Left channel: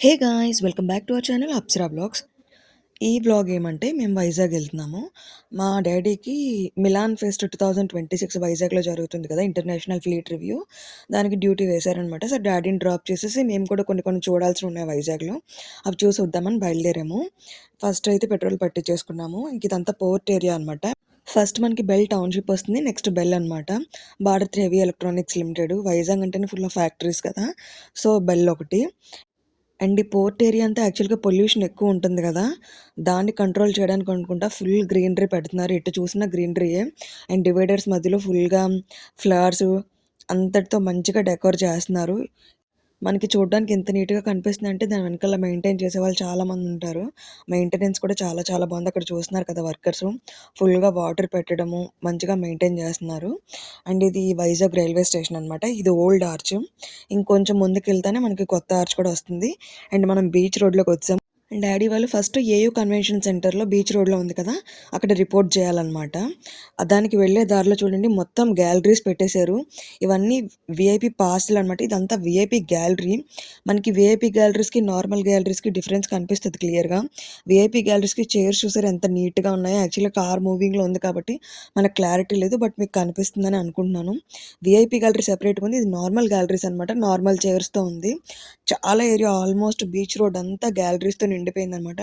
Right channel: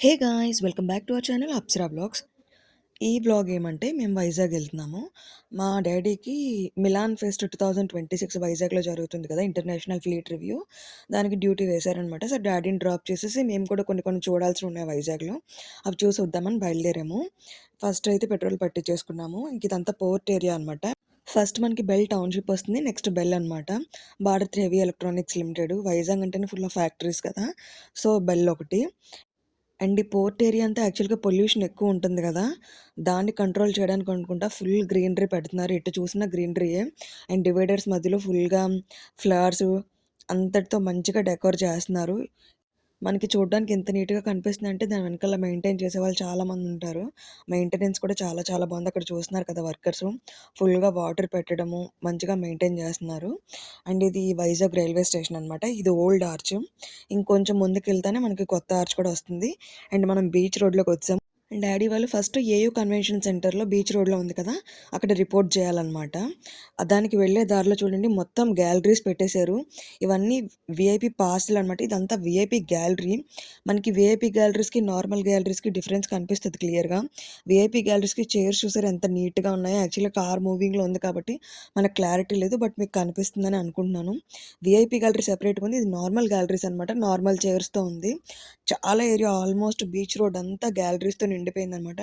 Hey guys! Welcome back to our channel Apsara vlogs. ఈ vlog ఏమంటే మేము వైజాగ్ వెళ్తున్నాము. మా డ్యాడీకి మిలాన్ ఫెస్ట్ 2026 వైజాగ్‌లో జరుగుతుంది కదా! International fleet review. దానికి డ్యూటీ వేశారనమాట. సో, డ్యాడీని డ్రాప్ చేసేసి మేము కూడా కొన్ని కొన్ని చూడాల్సినవి ఉన్నాయి వైజాగ్‌లో. అవి చూసి వద్దామని బయలుదేరాము. ఫస్ట్ అయితే పెట్రోల్ పట్టించేసుకున్నాము. ఇంక ఇదంతా పోర్ట్ ఏరియా అనమాట. ఫస్ట్ మనకి బెల్ టౌన్‌షిప్ వస్తుంది. నెక్స్ట్ బెల్ అనమాట. Bharat heavy electronics limited. Vizag అంటేనే ఫుల్ ఆఫ్ ఫ్యాక్టరీస్ కదా! సో, బెల్ ఒకటి. అండ్ ఈ పోర్ట్ ఏరియా అంతా యాక్చువల్‌గా పొల్యూషన్ ఎక్కువ ఉంటుంది గదా! దాన్ని కంట్రోల్ చేయడానికి అనుకుంటా ఫుల్ గ్రీనరీ పెడుతున్నారు. ఎటు చూసినా గ్రీనరీయే. అండ్ డివైడర్స్ మధ్యలో ఫుల్‌గా ఫ్లవర్సు అంతటితో మంచిగా డెకోర్ చేస్తున్నారు. మనకి చూడడానికి ఎంత నీట్‌గా కనిపిస్తుందంటే దాని వెనకాల మెయింటైన్ చేసేవాళ్ళు చాలామందుంటారు. మెయింటెనెన్స్ కూడా చాలా చాలా బావుంది. అక్కడ చూస్తున్నారు కదా వర్కర్సు. ఫుల్‌గా వాటర్ పెట్టడము, మంచిగా మెయింటైన్ చేస్తున్నారు. అండ్ ఇది వైజాగ్ రైల్వే స్టేషన్ అనమాట. ఇది ఓల్డ్ ఆర్చ్. ఇంకొంచెం ముందుకెళ్తేనే మనకి కొత్త ఆర్చ్ కూడా వస్తుంది. అండ్ మనం బీచ్ రోడ్‌లోకొచ్చాం. డ్యాడీ వాళ్ళు ఫస్ట్ ఏయూ కన్వెన్షన్ సెంటర్‌లో బీచ్ రోడ్‌లో ఉంది కదా! అక్కడ రిపోర్ట్ చేయాలనమాట. దానికి వెళ్ళే దారిలో చూడండి మొత్తం గ్యాలరీస్ పెట్టేశారు. ఇవన్నీ వీఐపీ పాస్‌లనమాట. ఇదంతా వీఐపీ గ్యాలరీ. మనకి వీఐపీ గ్యాలరీస్‌కి, నార్మల్ గ్యాలరీస్‌కి డిఫరెన్స్ కనిపిస్తది క్లియర్‌గా. వీఐపీ గ్యాలరీస్‌కి చైర్స్ చూసారా ఎంత నీట్‌గా ఉన్నాయో. యాక్చువల్‌గా కార్ మూవింగ్‌లో ఉంది కాబట్టి మనకు క్లారిటీ లేదు. బట్ మీకు కనిపిస్తుందని అనుకుంటున్నాను. వీఐపీ గ్యాలరీ సెపరేట్‌గా ఉంది. ఇది నార్మల్ గ్యాలరీస్ అనమాట. నార్మల్ చైర్స్‌తో ఉంది. చాలా ఏరియా ఆల్మోస్ట్ బీచ్ రోడ్ అంతా గ్యాలరీస్‌తో నిండిపోయిందనమాట.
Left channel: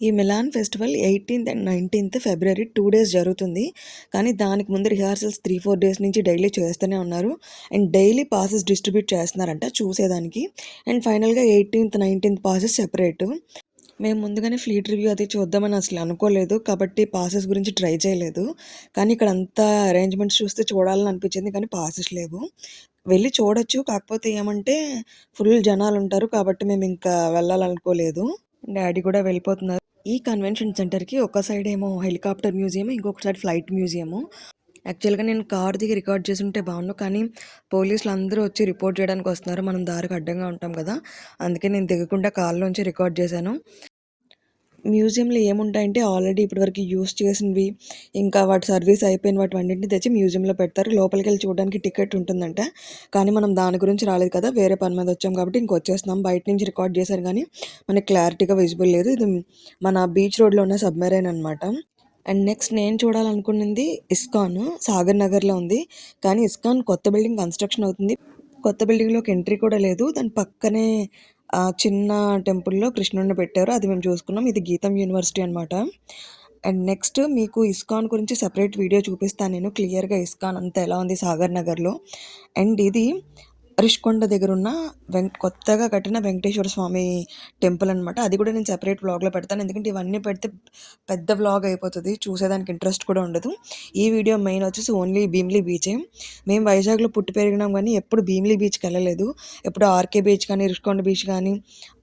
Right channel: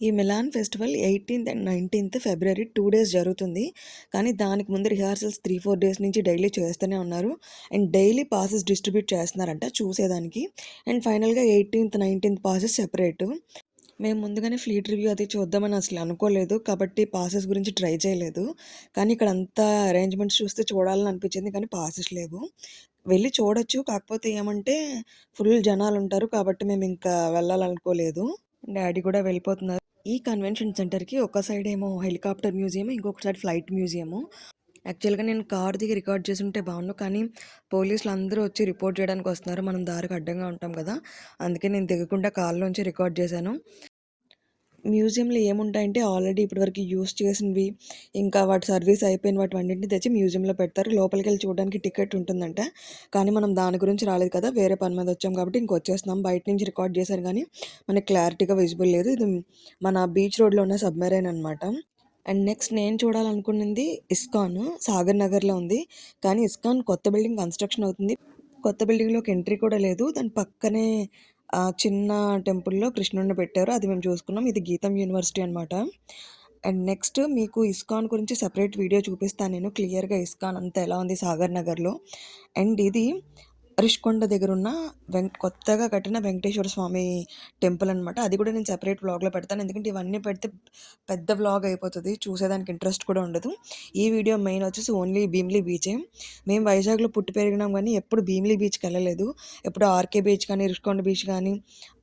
ఈ మిలాన్ ఫెస్టివల్ 18థ్ అండ్ 19థ్ ఫిబ్రవరి 2 డేస్ జరుగుతుంది. కానీ దానికి ముందు రిహార్సల్స్ 3, 4 డేస్ నుంచి డైలీ చేస్తూనే ఉన్నారు. అండ్ డైలీ పాసెస్ డిస్ట్రిబ్యూట్ చేస్తున్నారంట చూసేదానికి. అండ్ ఫైనల్‌గా 18థ్, 19థ్ పాసెస్ సెపరేటు. మేము ముందుగానే ఫ్లీట్ రివ్యూ అది చూద్దామని అసలు అనుకోలేదు. కాబట్టి పాసెస్ గురించి ట్రై చేయలేదు. కానీ ఇక్కడ అంతా అరేంజ్‌మెంట్స్ చూస్తే చూడాలని అనిపించింది. కానీ పాసెస్ లేవు. వెళ్లి చూడొచ్చు. కాకపోతే ఏమంటే ఫుల్ జనాలుంటారు. కాబట్టి మేమింకా వెళ్ళాలనుకోలేదు. డ్యాడీ కూడా వెళ్ళిపోతున్నారు. ఈ కన్వెన్షన్ సెంటర్‌కి ఒక సైడ్ ఏమో హెలికాప్టర్ మ్యూజియం, ఇంకొక సైడ్ ఫ్లైట్ మ్యూజియము. యాక్చువల్‌గా నేను కార్ దిగి రికార్డ్ చేసుంటే బావుండు. కానీ పోలీసులందరూ వచ్చి రిపోర్ట్ చేయడానికి వస్తున్నారు. మనం దారికి అడ్డంగా ఉంటాం కదా! అందుకే నేను దిగకుండా కార్‌లోంచి రికార్డ్ చేశాను. మ్యూజియంలో ఏముంటాయంటే ఆల్రెడీ ఇప్పటివరకు యూజ్ చేసినవి, ఇంకా వాటి సర్వీస్ అయిపోయిన వాటివన్నిటిని తెచ్చి మ్యూజియంలో పెడతారు. లోపలికెళ్ళి చూడడానికి టికెట్ ఉంటుందంట. కానీ మనం దాని గురించి రాలేదు కదా! వేరే పని మీద వచ్చాం కాబట్టి ఇంకొచ్చేస్తున్నాం. బయట నుంచి రికార్డ్ చేశారు గానీ, మనకి క్లారిటీగా విజిబుల్ లేదు. ఇది మన బీచ్ రోడ్‌లో ఉన్న సబ్‌మెరైన్ అనమాట. అండ్ నెక్స్ట్ నేను చూడాలనుకున్నది ఇస్కాన్. సాగర్ నగర్‌లో ఉంది. కానీ ఇస్కాన్ కొత్త బిల్డింగ్ కన్‌స్ట్రక్షన్ అవుతుంది. కొత్త బిల్డింగ్‌లోకి ఎంట్రీ కూడా లేదు. దాని పక్కనే చిన్న టెంపుల్‌లో కృష్ణుడిని పెట్టారు. అది మేము చూసుకున్నాం. ఇది గీతం యూనివర్సిటీ అనమాట. అండ్ నెక్స్ట్ మీకు ఇస్కాన్ గురించి సెపరేట్ వీడియో చూపిస్తాను నేను క్లియర్‌గా ఇస్కాన్ అంతా ఎలా ఉంది సాగర్ నగర్‌లో. అండ్ ఇది రిషికొండ దగ్గరున్న కొత్తగా కట్టిన వెంకటేశ్వర స్వామి టెంపుల్ అనమాట. అది కూడా నేను సెపరేట్ వ్లాగ్‌లో పెడతాను. ఎందుకంటే ఇవన్నీ పెడితే పెద్ద వ్లాగ్ అయిపోతది. చూసేదానికి ఇంట్రెస్ట్ కూడా ఉండదు. ఈ వీడియో మెయిన్ వచ్చేసి ఓన్లీ భీమిలి బీచే. మేము వైజాగ్‌లో పుట్టి పెరిగినాం గానీ ఎప్పుడు భీమిలి బీచ్‌కెళ్ళలేదు. ఎప్పుడు ఆర్‌కే బీచ్ కానీ, రిషికొండ బీచ్ కానీ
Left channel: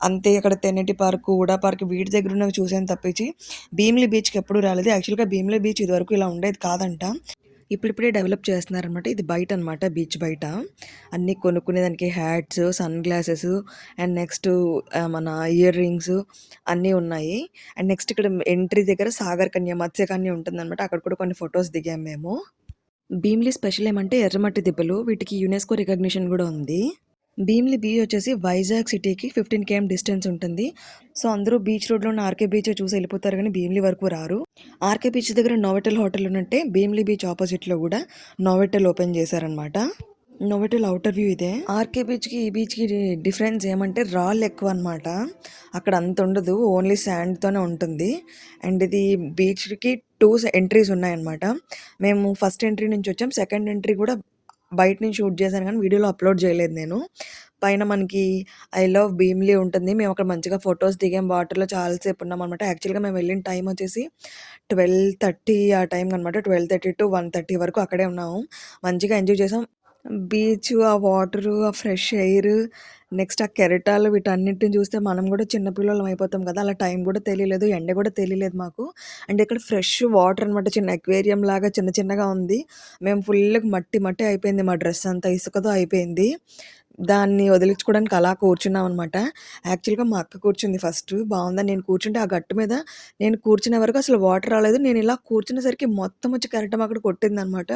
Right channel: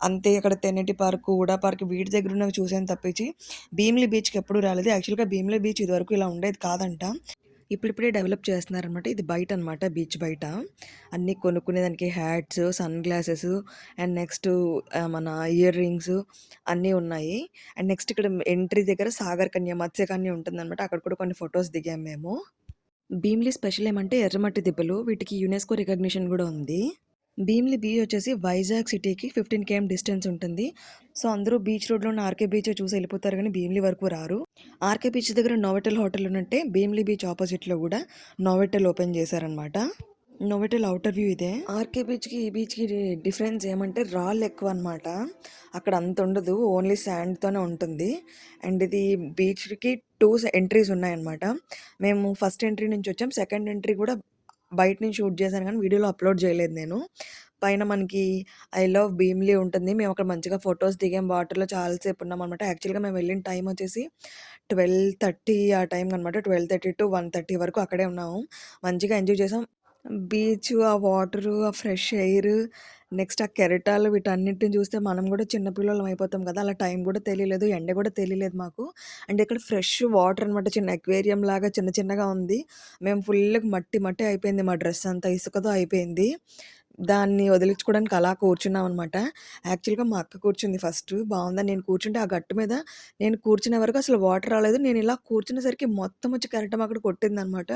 అంతే అక్కడ తెన్నేటి పార్కు, హుడా పార్క్ వీటి దగ్గరున్నవి చూసాను తప్పించి భీమిలి బీచ్‌కి ఎప్పుడు రాలేదు. యాక్చువల్‌గా భీమిలి బీచ్ ఇదివరకు ఇలా ఉండేది కాదంట. ఇప్పుడిప్పుడే డెవలప్ చేస్తున్నారనమాట. ఇది బయటనమాట బీచ్ బయట. అన్నీ కొనుక్కునేదానికి hats, sunglasses and next మన ఇయర్ రింగ్స్ అన్నీ ఉన్నాయి. అండ్ నెక్స్ట్ ఇక్కడ ఎంట్రీ దగ్గర సాగర్ కన్య, మత్స్యకన్య ఉంటుందనమాట. అక్కడ కూడా కొన్ని ఫోటోస్ దిగాం మేము. భీమిలి స్పెషల్ ఏమంటే ఎర్రమట్టి దిబ్బలు. వీటికి యునెస్కో రికగ్నిషన్ గూడా ఉంది. భీమిలి బీచ్ వచ్చేసి వైజాగ్ సిటీకి 15 కేఎం డిస్టెన్స్ ఉంటుంది. సో, అందరూ బీచ్ రోడ్‌లో ఉన్న ఆర్‌కే బీచే చూసి ఎళ్ళిపోతారు గానీ భీమిలి వరకు రారు. ఆర్‌కే బీచ్ దగ్గర నోవోటెల్ హోటల్ ఉన్నట్టే భీమిలి బీచ్ ఆపోజిట్‌లో గూడా నోవోటెల్ ఓపెన్ చేశారనమాట. నోవోటెల్ ఔటర్ వ్యూ ఇదే. ఆర్‌కే బీచ్‌కి, ఈ బీచ్‌కి డిఫరెన్స్ ఏమంటే రాళ్ళెక్కువనమాట. అక్కడ అంతుండదు. ఓన్లీ శాండ్‌తోనే ఉంటుంది. అండ్ ఇది బీచ్‌కి 2 ఎంట్రీస్ ఉన్నాయన్నమాట. మేము ఫస్ట్ ఎంట్రీ నుంచొచ్చాం. సెకండ్ ఎంట్రీ గూడా బయట నుంచి షూట్ చేశాను గానీ వీడియోలో అప్‌లోడ్ చేయలేదు నేను. పైన మనకి ఐ లవ్ భీమిలి ఉంటుంది. మేము అక్కడ మంచిగా ఫోటోస్ దిగాం. వాటర్‌లో చాలా సేపు ఉన్నామనమాట. యాక్చువల్‌గా మేము వెళ్ళిన టైం వచ్చేసి 12:30 ఆ టైంకనమాట. 12:30-1:30 వరకు అక్కడే ఉన్నాము. మంచిగా ఎంజాయ్ చేసాం. బీచు, ఆ వాటరు, ఆ ఫ్రెష్ ఎయిర్, నెక్స్ట్ ఆ కెరటాలు వీటన్నిటిని చూస్తే మనం గూడా చిన్న పిల్లోళ్ళం అయిపోతాం కదా! అలా టైం గూడా తెలియలేదు. ఎండ గూడా తెలియలేదు మాకు. అండ్ ఇక్కడ ఫ్రెష్ వాటర్ అనమాట. చిన్న అక్వేరియం లాగా చిన్న చిన్నగా ఉంది. మేము ఫుల్‌గా మట్టి మట్టి అయిపోయింది. మా డ్రెస్ అంతా ఇసుకతో అయిపోయింది. దాన్ని వదిలించుకోవడానికి అలా కూర్చున్నామనమాట. యాక్చువల్‌గా మా అక్క కూర్చుంది ఫస్టు. బావుందని నేను కూర్చుంటే ఆ గట్టు మీద నేను కూర్చునే వరకు అసలు వాటర్ రాలేదు. నేను ఇలా కూర్చునేసరికి మొత్తం వచ్చి కెరటం అక్కడ కొట్టిందనమాట.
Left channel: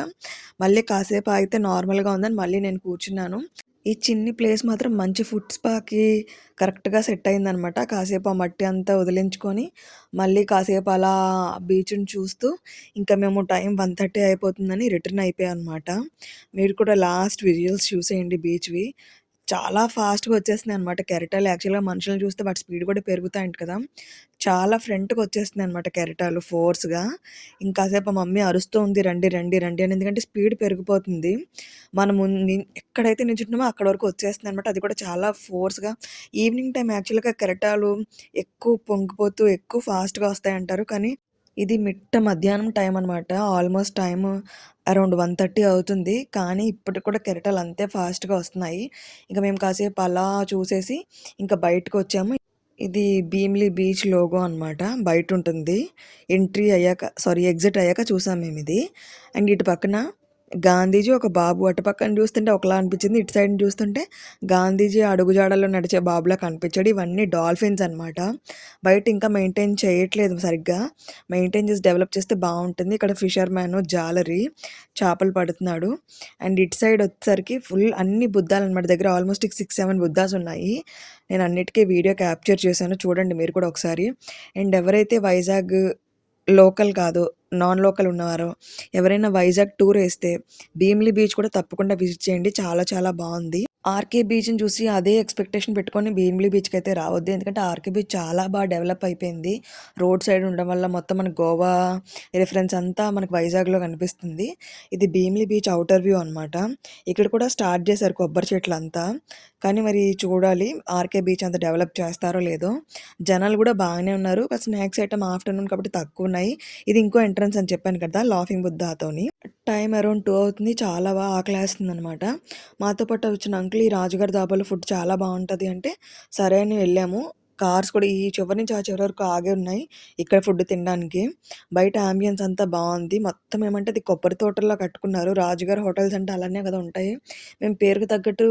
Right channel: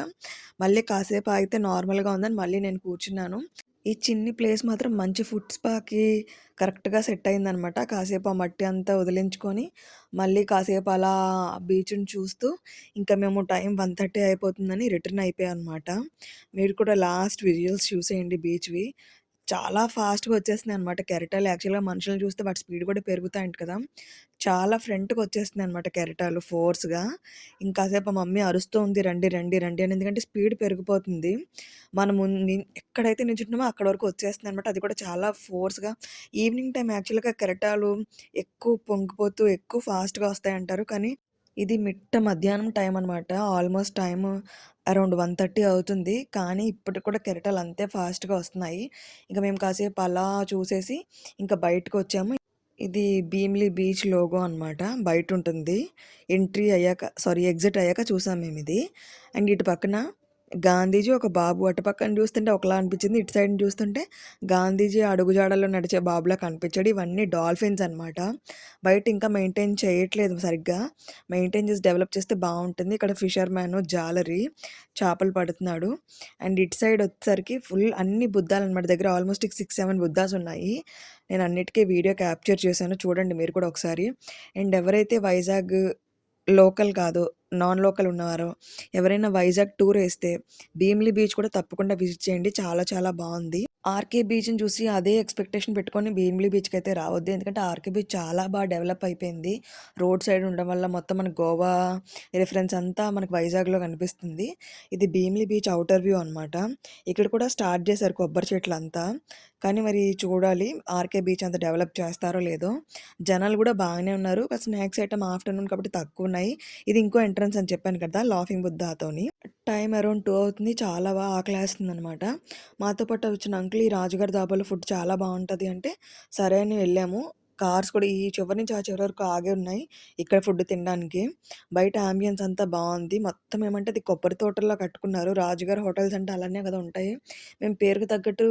మళ్ళీ కాసేపు ఆగితే నార్మల్‌గా ఉందని మళ్ళీ నేను కూర్చున్నాను. ఈ చిన్ని ప్లేస్ మాత్రం మంచి ఫుడ్ స్పాకి కరెక్ట్‌గా సెట్ అయిందనమాట. కాసేపు ఆ మట్టి అంతా వదిలించుకొని, మళ్ళీ కాసేపు అలా బీచ్‌ని చూస్తూ, ఇంకా మేము టైం 1:30 అయిపోతుందని రిటర్న్ అయిపోయామనమాట. మీరు కూడా లాస్ట్ విజువల్స్ చూసేయండి బీచ్‌వి. చాలా ఫాస్ట్‌గా వచ్చేస్తున్నాయనమాట కెరటాలు. యాక్చువల్‌గా మనుషుల్ని చూస్తే వాటి స్పీడ్ కూడా పెరుగుతాయంట కదా! చాలా ఫ్రంట్‌కొచ్చేస్తున్నాయనమాట కెరటాలు ఫోర్స్‌గా. ఇంకాసేపు మా మమ్మీ అరుస్తూ ఉంది, "రండి, రండి, రండి" అని. ఎందుకంటే స్పీడ్ పెరిగిపోతుంది. మనము ఎక్కడైతే నించుంటున్నామో అక్కడి వరకు వచ్చేస్తున్నాయనమాట. అది కూడా చాలా ఫోర్స్‌గా. ఈవినింగ్ టైమ్ యాక్చువల్‌గా కెరటాలు ఎక్కువ పొంగిపోతూ, ఎక్కువ ఫాస్ట్‌గా వస్తాయంటారు. కానీ ఇది మిట్ట మధ్యాహ్నం టైం అనమాట. ఆల్‌మోస్ట్ టైము అరౌండ్ 1:30 అవుతుంది. కానీ ఇప్పటికి కూడా కెరటాలు అంతే ఫాస్ట్‌గా వస్తున్నాయి. ఇంక మేము కాసేపు అలా చూసేసి ఇంక బయటకొచ్చాము. ఇది భీమిలి బీచ్ లోగో అనమాట. బయటుంటుంది. ఎగ్జిట్ అయ్యాక చూసాం మేమిది. అండ్ ఇటు పక్కన గాంధీజీ, ఒక బాబు అటు పక్కన చూస్తుంటే ఒకలా అనిపించింది. ఇటు సైడ్ చూస్తుంటే గాంధీజీ అడుగుజాడల్లో నడిచే బాబులా కనిపించాడు. ఇవన్నీ డాల్ఫిన్స్ అనమాట. బయట ఇంకా మెయింటైన్ చేయట్లేదు సరిగ్గా. మెయింటైన్ చేసి డెవలప్ చేస్తే బావుంటుంది. ఇక్కడ ఫిషర్‌మ్యాను జాలరి చేపలు పడుతున్నాడు. అండ్ ఇటు సైడ్ వచ్చేసరికి ఫుల్ అన్ని బుద్ధాలనమాట. దగ్గర ఆల్మోస్ట్ 6, 7 బుద్ధాస్ ఉన్నాయి. నేను అన్నిటికి వీడియో క్యాప్చర్ చేశాను. చూడండి మీరు కూడా ఒకసారి. అండ్ ఎవరైతే వైజాగ్ లోకల్ కాదు, నాన్ లోకల్ ఉన్నవారో ఎవరైనా వైజాగ్ టూర్ ఏస్తే భీమిలి బీచ్ కూడా తప్పకుండా విజిట్ చేయండి. చాలా చాలా బావుంది. ఆర్‌కే బీచ్‌ని చూసి అదే ఎక్స్‌పెక్టేషన్ పెట్టుకొని భీమిలి బీచ్‌కైతే రావద్దు. ఎందుకంటే ఆర్‌కే బీచ్ చాలా డెవలప్ అయిపోయింది. రోడ్ సైడ్ ఉండడం వల్ల మొత్తం మనకు గోవా రిఫరెన్స్ అంతా మనకు వైజాగ్‌లో కనిపిస్తుంది. ఇది భీమిలి బీచ్ ఔటర్ వ్యూ అనమాట. ఇక్కడ కూడా స్టార్ట్ చేశారు కొబ్బరి చెట్లంతా. కానీ మరి చూడాలి ఆర్‌కే బీచ్ అంత డెవలప్ చేస్తారో లేదో. జనాలు కూడా బాగానే ఉన్నారు. స్నాక్స్ ఐటెమ్ ఆఫ్టర్‌నూన్ కాబట్టి తక్కువున్నాయి. ఇది ఇంకో ఎంట్రన్స్ అని చెప్పాను కదా! లాఫింగ్ బుద్ధాతోని. టైం అరౌండ్ 2 అవుతుంది. చాలా ఆకలేస్తుందనమాట. మాతో పాటు వచ్చిన అంకుల్, "ఈ రాజుగారి దాబాలో ఫుడ్ చాలా బావుంటది" అంటే, సరే అని వెళ్ళాము. కార్స్ కూడా ఈ చివరి నుంచి ఆ చివరి వరకు ఆగే ఉన్నాయి. ఇక్కడ ఫుడ్ తినడానికి. బయట యాంబియన్స్ అంతా బావుంది. మొత్తం ఏమంటే అది కొబ్బరి తోటల్లా కట్టుకున్నారు. రాజుగారి హోటల్స్ అంటే అలానే కదా ఉంటాయి. మేము పేరుకి తగ్గట్టు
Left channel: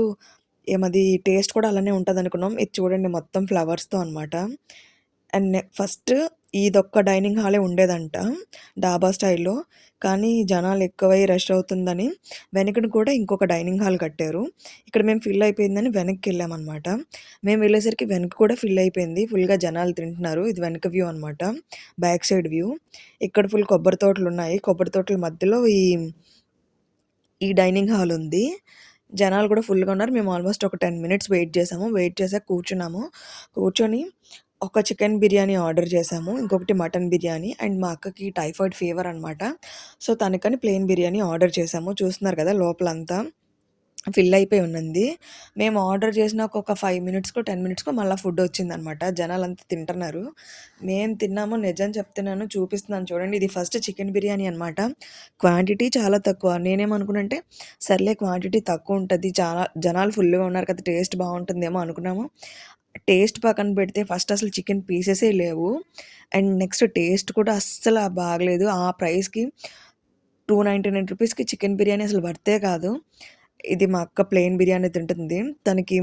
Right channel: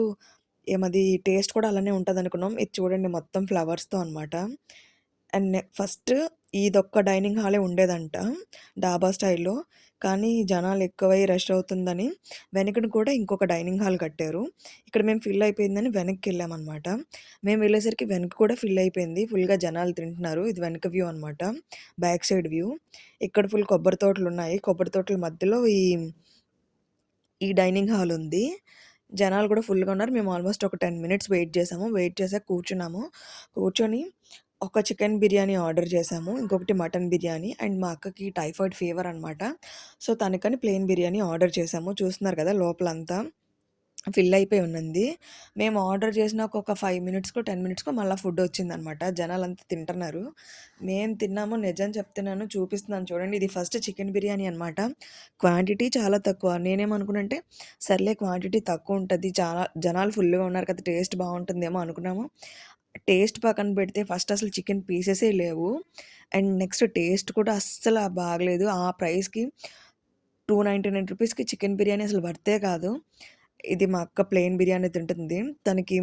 ఏమది టేస్ట్ కూడా అలానే ఉంటదనుకున్నాం. ఇది చూడండి మొత్తం ఫ్లవర్స్‌తో అనమాట. అండ్ ఫస్ట్ ఇదొక్క డైనింగ్ హాలే ఉండేదంట డాబా స్టైల్‌లో. కానీ జనాలు ఎక్కువై రష్ అవుతుందని వెనకన కూడా ఇంకొక డైనింగ్ హాల్ కట్టారు. ఇక్కడ మేము ఫిల్ అయిపోయిందని వెనక్కెళ్ళామనమాట. మేము వెళ్ళేసరికి వెనక కూడా ఫిల్ అయిపోయింది. ఫుల్‌గా జనాలు తింటున్నారు. ఇది వెనక వ్యూ అనమాట. Back side view. ఇక్కడ ఫుల్ కొబ్బరి తోటలున్నాయి. కొబ్బరి తోటల మధ్యలో ఈ డైనింగ్ హాల్ ఉంది. జనాలు కూడా ఫుల్‌గా ఉన్నారు. మేము ఆల్మోస్ట్ ఒక 10 మినిట్స్ వెయిట్ చేసాము. వెయిట్ చేసాక కూర్చున్నాము. కూర్చొని ఒక చికెన్ బిర్యానీ ఆర్డర్ చేసాము. ఇంకొకటి మటన్ బిర్యానీ. అండ్ మా అక్కకి టైఫాయిడ్ ఫీవర్ అనమాట. సో, తనకని ప్లెయిన్ బిర్యానీ ఆర్డర్ చేసాము. చూస్తున్నారు కదా లోపలంతా ఫిల్ అయిపోయి ఉన్నింది. మేము ఆర్డర్ చేసినాక ఒక 5 మినిట్స్‌కో, 10 మినిట్స్‌కో మళ్ళా ఫుడ్ వచ్చిందనమాట. జనాలంతా తింటున్నారు. మేము తిన్నాము, నిజం చెప్తున్నాను చూపిస్తున్నాను చూడండి. ఇది ఫస్ట్ చికెన్ బిర్యానీ అనమాట. క్వాంటిటీ చాలా తక్కువ. నేనేమనుకున్నానంటే సర్లే క్వాంటిటీ తక్కువ ఉంటది. చాలా జనాలు ఫుల్‌గా ఉన్నారు కదా! టేస్ట్ బావుంటుందేమో అనుకున్నాము. టేస్ట్ పక్కన పెడితే ఫస్ట్ అసలు చికెన్ పీసెసే లేవు. అండ్ నెక్స్ట్ టేస్ట్ కూడా అస్సల బాగలేదు. ఆ ప్రైస్‌కి రూ. 299కి చికెన్ బిర్యానీ అసలు వర్తే కాదు. ఇది మా అక్క ప్లెయిన్ బిర్యానీ తింటుంది. తనకి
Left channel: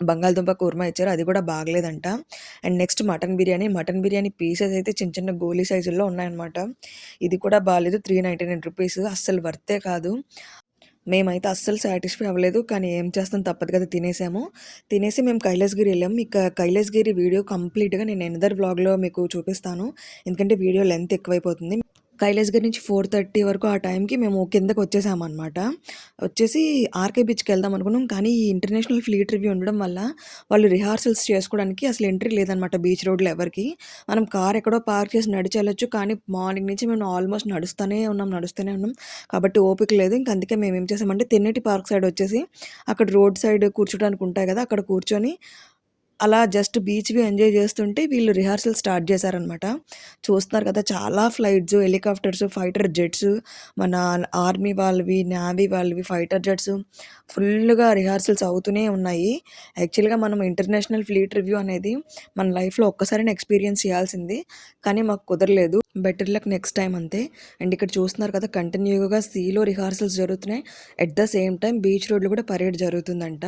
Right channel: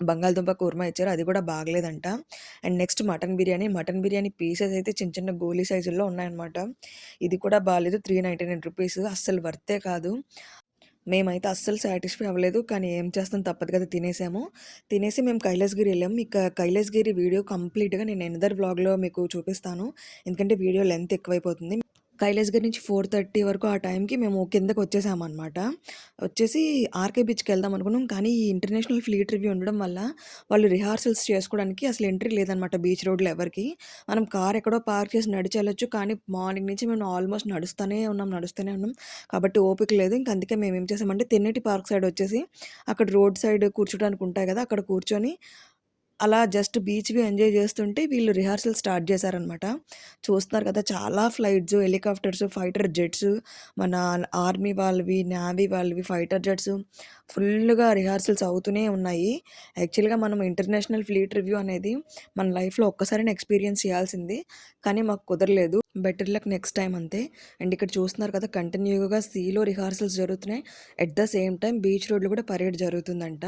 బంగాళదుంప కుర్మా ఇచ్చారు. అది కూడా బాగలేదంట. And next mutton biryani. Mutton biryani pieces అయితే చిన్న చిన్న గోలీ సైజుల్లో ఉన్నాయన్నమాట. ఇది కూడా బాలేదు. రూ. 399 అస్సలు వర్తే కాదు. మేమైతే అస్సలు సాటిస్ఫై అవ్వలేదు. కానీ ఏం చేస్తాం తప్పదు కదా! తినేసాము. తినేసి మేము కైలాసగిరి ఎళ్ళాము. మీకు కైలాసగిరి వీడియో కంప్లీట్‌గా నేను ఎనదర్ వ్లాగ్‌లో మీకు చూపిస్తాను. ఎందుకంటే వీడియో లెంత్ ఎక్కువైపోతుంది. కైలాసగిరి నుంచి 4:30 వరకు ఆ టైంకి మేము కిందకొచ్చేసామనమాట. వచ్చేసి ఆర్‌కే బీచ్‌కెళ్దాం అనుకున్నాం. కానీ ఈ ఇంటర్నేషనల్ ఫ్లీట్ రివ్యూ ఉండడం వల్ల వాళ్ళు రిహార్సల్స్ చేసుకోవడానికి అసలు ఎంట్రీ లేదనమాట బీచ్ రోడ్‌లో ఎవరికీ. మనం కార్ ఎక్కడో పార్క్ చేసి నడిచెళ్ళొచ్చు. కానీ మార్నింగ్ నుంచి మేము ఆల్మోస్ట్ నడుస్తూనే ఉన్నాం, నడుస్తూనే ఉన్నాం. కాబట్టి ఓపిక లేదు. ఇంక అందుకే మేమేం చేసామంటే తెన్నేటి పార్క్ సైడ్ వచ్చేసి అక్కడ రోడ్ సైడ్ కూర్చోడానికి ఉంటాయి కదా! అక్కడ కూర్చొని అలా జస్ట్ బీచ్ వ్యూ ఎంజాయ్ చేస్తుంటే వీళ్ళు రిహార్సల్ స్టార్ట్ చేశారనమాట. చూస్తున్నారు కదా! చాలా ఫ్లైట్స్, హెలికాప్టర్స్, ఫైటర్ జెట్స్, మన ఆర్మీ వాళ్ళవి, నేవీ వాళ్ళవి ఫైటర్ జెట్స్ ఫుల్లుగా రిహార్సల్స్ అవుతూనే ఉన్నాయి. యాక్చువల్‌గా మనం ఇంటర్నేషనల్ ఫ్లీట్ రివ్యూ అనేది మన లైఫ్‌లో ఒక్కసారైనా ఎక్స్‌పీరియన్స్ చేయాల్సింది. కానీ మాకు కుదరలేదు. బెటర్ లక్ నెక్స్ట్ టైమ్ అంతే. అండ్ ఇక్కడ చూస్తున్నారు కదా! కంటిన్యూ‌గా సీలో రిహార్సల్స్ జరుగుతున్నాయి. At the same time beach రోడ్‌లో కూడా పరేడ్ జరుగుతుందంట.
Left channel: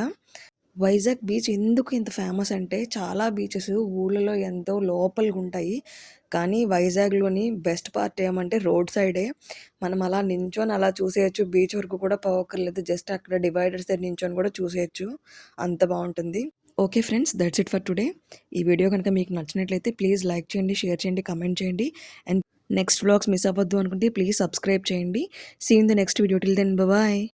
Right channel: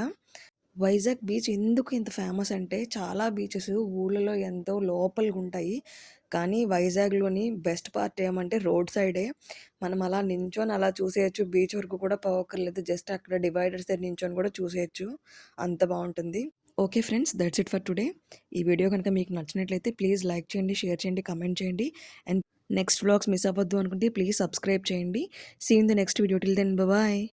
వైజాగ్ బీచ్ ఎందుకు ఇంత ఫేమస్ అంటే చాలా బీచెస్ ఊళ్ళలో ఎంతో లోపలిగుంటాయి. కానీ వైజాగ్‌లోని బెస్ట్ పార్ట్ ఏమంటే రోడ్ సైడే. మనం అలా నించొని అలా చూసేయొచ్చు. బీచ్ వరకు కూడా పోవక్కర్లేదు. జస్ట్ అక్కడ డివైడర్స్ దగ్గర నించొని కూడా చూసేయొచ్చు. అంత బావుంటుంది. Okay friends, that's it for today. ఈ వీడియో గనుక మీకు నచ్చినట్లయితే ప్లీజ్ లైక్ చేయండి, షేర్ చేయండి, కామెంట్ చేయండి. అండ్ నెక్స్ట్ వ్లాగ్స్ మిస్ అవ్వద్దు అనుకుంటే ప్లీజ్ సబ్స్క్రైబ్ చేయండి. See you in the next video. Till then bye.